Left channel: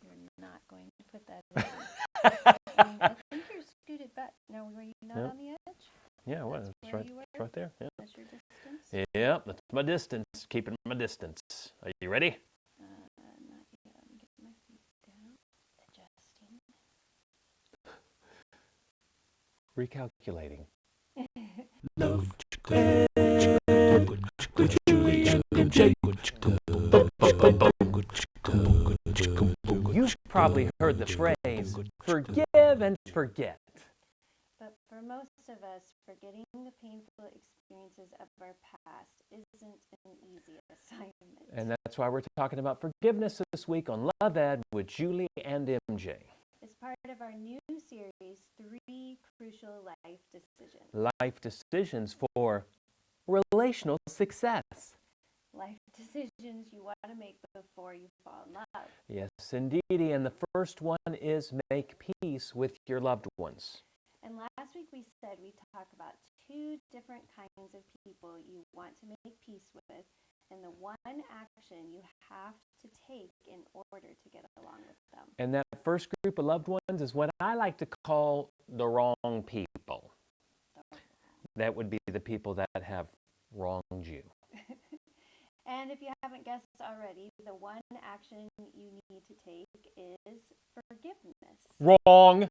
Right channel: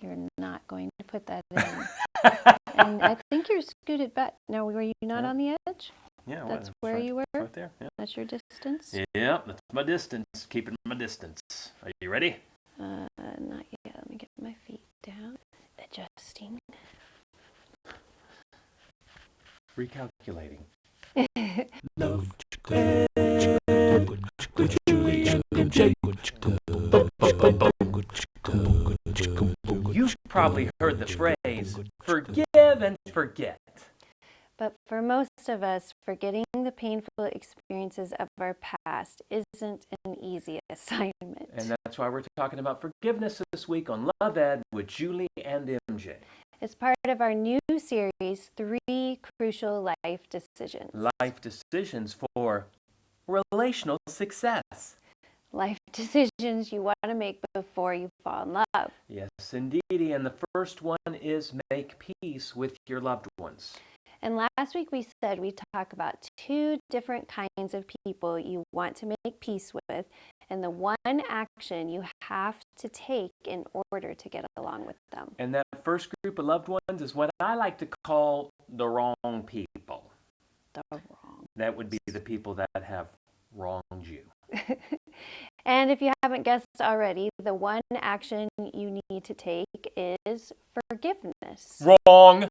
You're not going to put that in. And I think you're scooted back. Now, were you not on the edge? Yeah, that's where you were? Right there. Yeah. That's your distance? Yeah, that's my distance. Keeping my distance. Are you ready? Not yet. Let me get my feet down. Adjusting. Recalculating. Love with Julie and MJ. You've probably heard the phrase, forgive and forget. But for most of us, forgetting the painful experiences of our past isn't an easy assignment. And that's why we're talking about forgiveness this week on Love Ed with Julie and MJ. It's part of our new series, 3 Crucial Life Decisions. Life decisions for relational success. Life decisions you want to make before you fall in love. Yes, indeed. And the first one is make peace with your loved ones. And last week we said we'd talk about 2 different kinds of people you want to make peace with, and the one action you have to take in order to get along with them. And that first group of loved ones is what I like to call the wrong people. The wrong. That would be the people that have wronged you. And if you haven't guessed already, the one action you need to take is forgiveness. Wrong!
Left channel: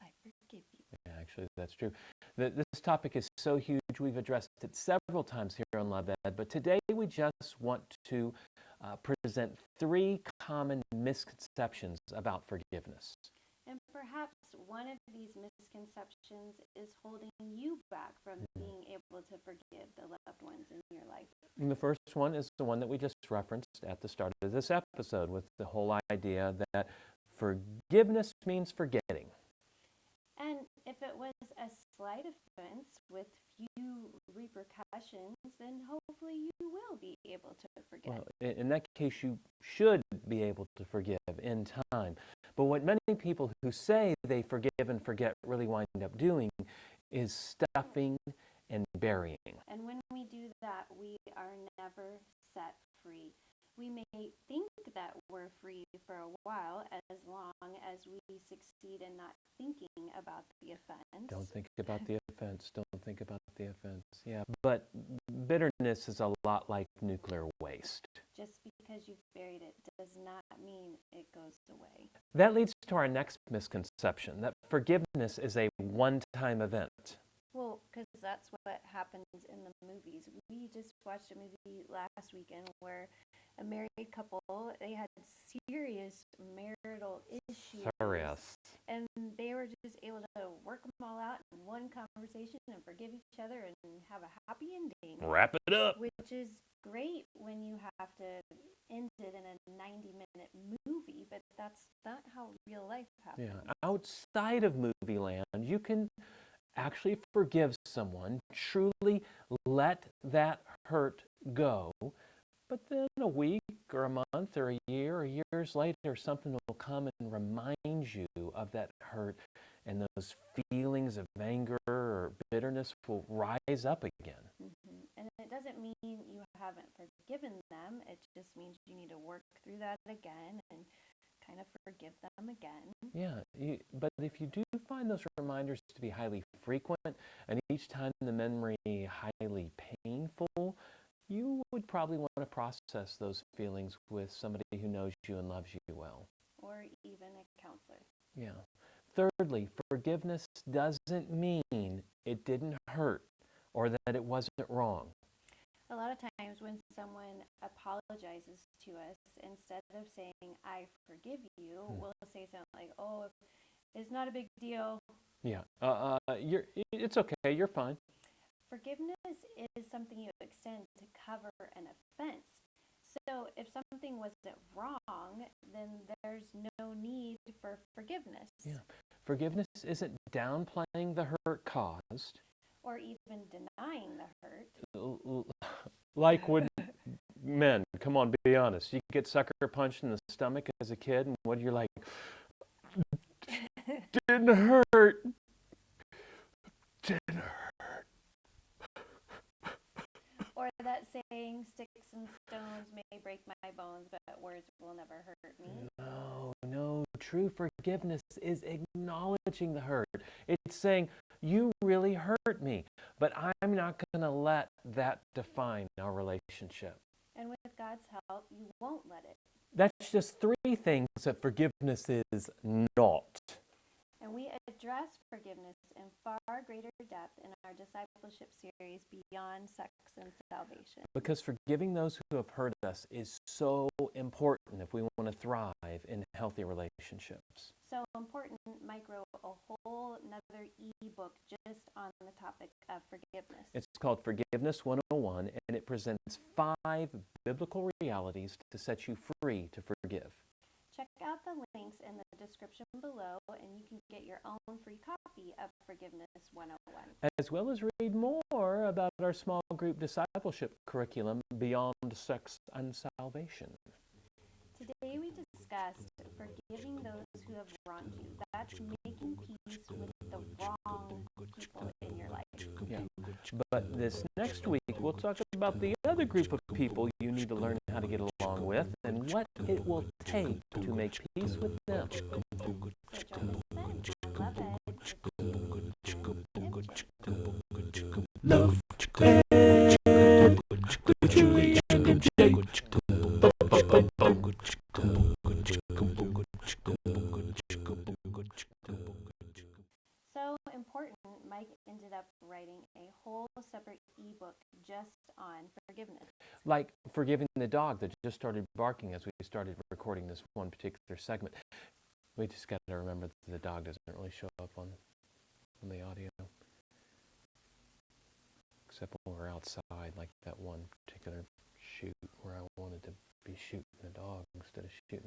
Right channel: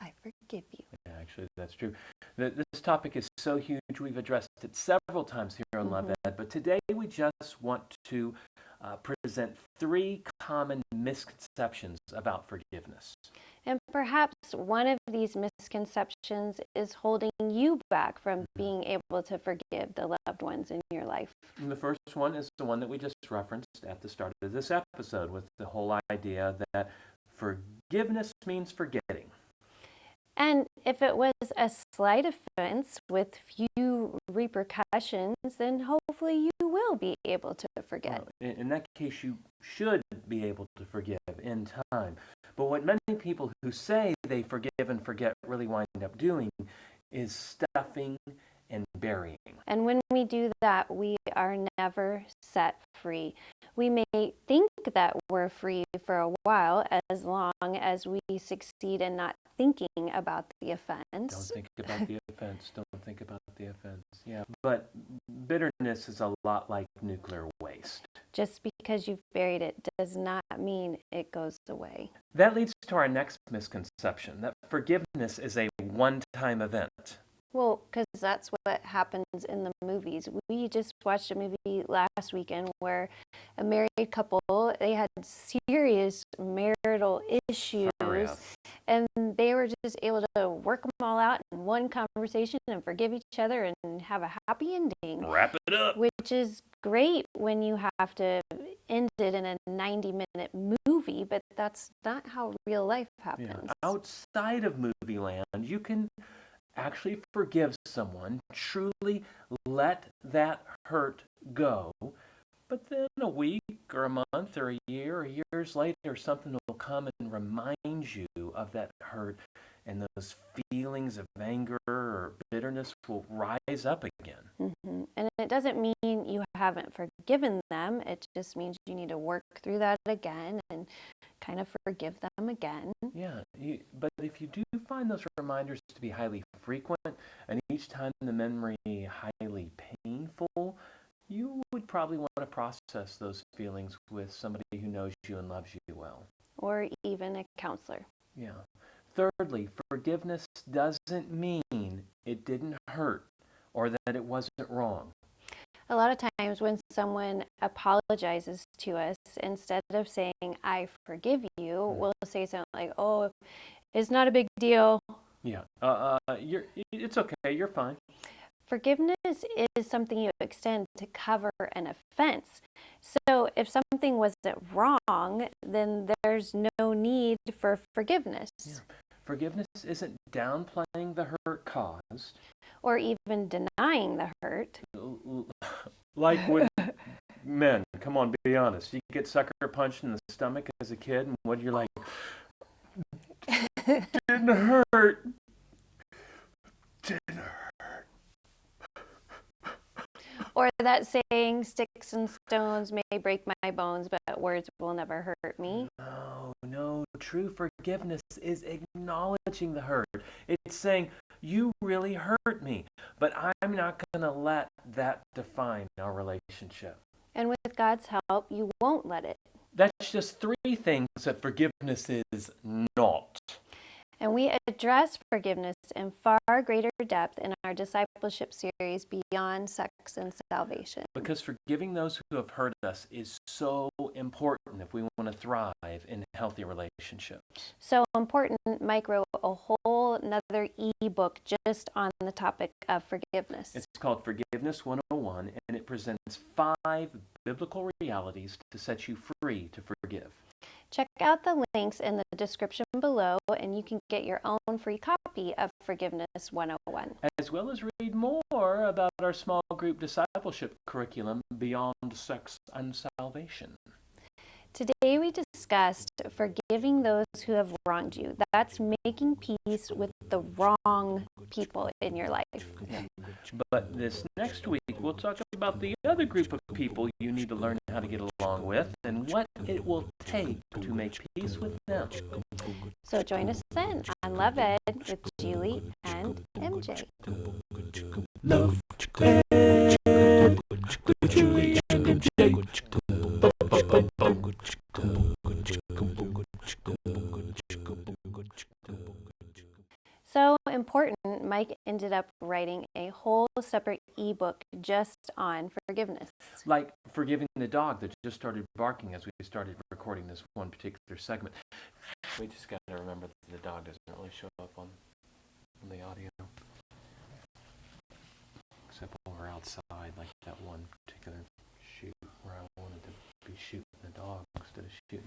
I forgive you. Yeah, actually, that's true. This topic is so huge, we've addressed it several times here on Love Ed, but today we just want to present 3 common misconceptions about forgiveness. And perhaps one of these misconceptions is holding you back from being able to forgive the loved ones in your life. And the first one is the one that we just referenced at the start of this episode, with the whole idea that forgiveness means forgetting. And if it was a slight offense with few repercussions, then hopefully you will be able to forget. Well, in that case, you should be able to forgive in time. But what many people who say they forgive and forget really wind up doing is stuffing and burying. And when we do that, we are never set free. We may think that we're free for a while as long as we succeed in not thinking about the offense. Don't think about the offense. Don't think about the offense. Yeah. But bitterness is a lot like nuclear waste. Just because you've buried it does not mean it goes away. That leads to our next misconception, that forgiveness is a one-time event. Well, because that's what happens in the movies. We just watched a movie last weekend where a married couple, they had serious marital issues, and they were just able to work them all out in one conversation and forgive each other and have a happy ending. Wrap it up. Which is great when you have to end it in a 90-minute movie, but that's not how real life happens. Yeah. Outside of movie land, you can actually forgive someone, truly let that hurt go, but then a week or a month or a year or years later, something will come and remind you of that hurt, and those feelings of anger or bitterness will rise up again. Mm-hmm. And it doesn't mean you haven't forgiven them. It just means you need to work through that again and kind of forgive them again. Yeah, but if you do find those reminders to be highly frequent, and each time the memory highly painful, you would probably want to process those feelings with somebody who knows you and loves you well. Or even a counselor. Yeah. Thirdly, forgiveness doesn't mean it didn't hurt or that it wasn't wrong. A lot of times when someone apologizes to us, instead of saying, I forgive you, we'll say something like, oh, it's not a big deal. Yeah, it's okay, you're fine. Forgiveness is something you extend to cover an offense. So if something wasn't wrong, then there's no need for forgiveness. Yeah. Forgiveness isn't downplaying the hurt caused. Or even denying the hurt. Like when men, come on, be honest. You get sucker punched in the stomach as a kid, and what you're like, didn't hurt. Didn't hurt. Or that saying, sticks and stones may break my bones, but words will never hurt me. No, No, true forgiveness is acknowledging the hurt. It's saying, you really hurt me, but I'm not going to let that define our relationship. And with God's help, you won't let it. That's just three things that forgiveness is not. And we address forgiveness in far greater depth in our discipleship series, Beyond Sex and Salvation. Because forgiving those who have hurt us is so important if we want to thrive in healthy relationships. So important, Mike wrote a whole another ebook just on the topic of forgiveness. It's called Forgiveness 101, and it presents 5 biblical realities to set you free to forgive. Check out the links in the description below, and you can get your own free copy of Forgiveness 101. As well as read more about our small group discipleship curriculum, Beyond Sex and Salvation. Today we discussed forgiving those who have wronged you. That's making peace with the wrong people in your life. But this next week, we'll talk about the other group of people you need to learn how to get along with and what it will take to make peace with them. So join us then on Love Ed with Julie and MJ. Love Ed with Julie and MJ. So important, Mike ended up writing a whole separate ebook just on forgiveness. Like forgiving the dog that just started barking as we started recording this one particular segment. We just got to remember that the dog doesn't really show up on the audio. Except when we're outside, like that one particular shoot where I wanted to be shooting the dog instead of shooting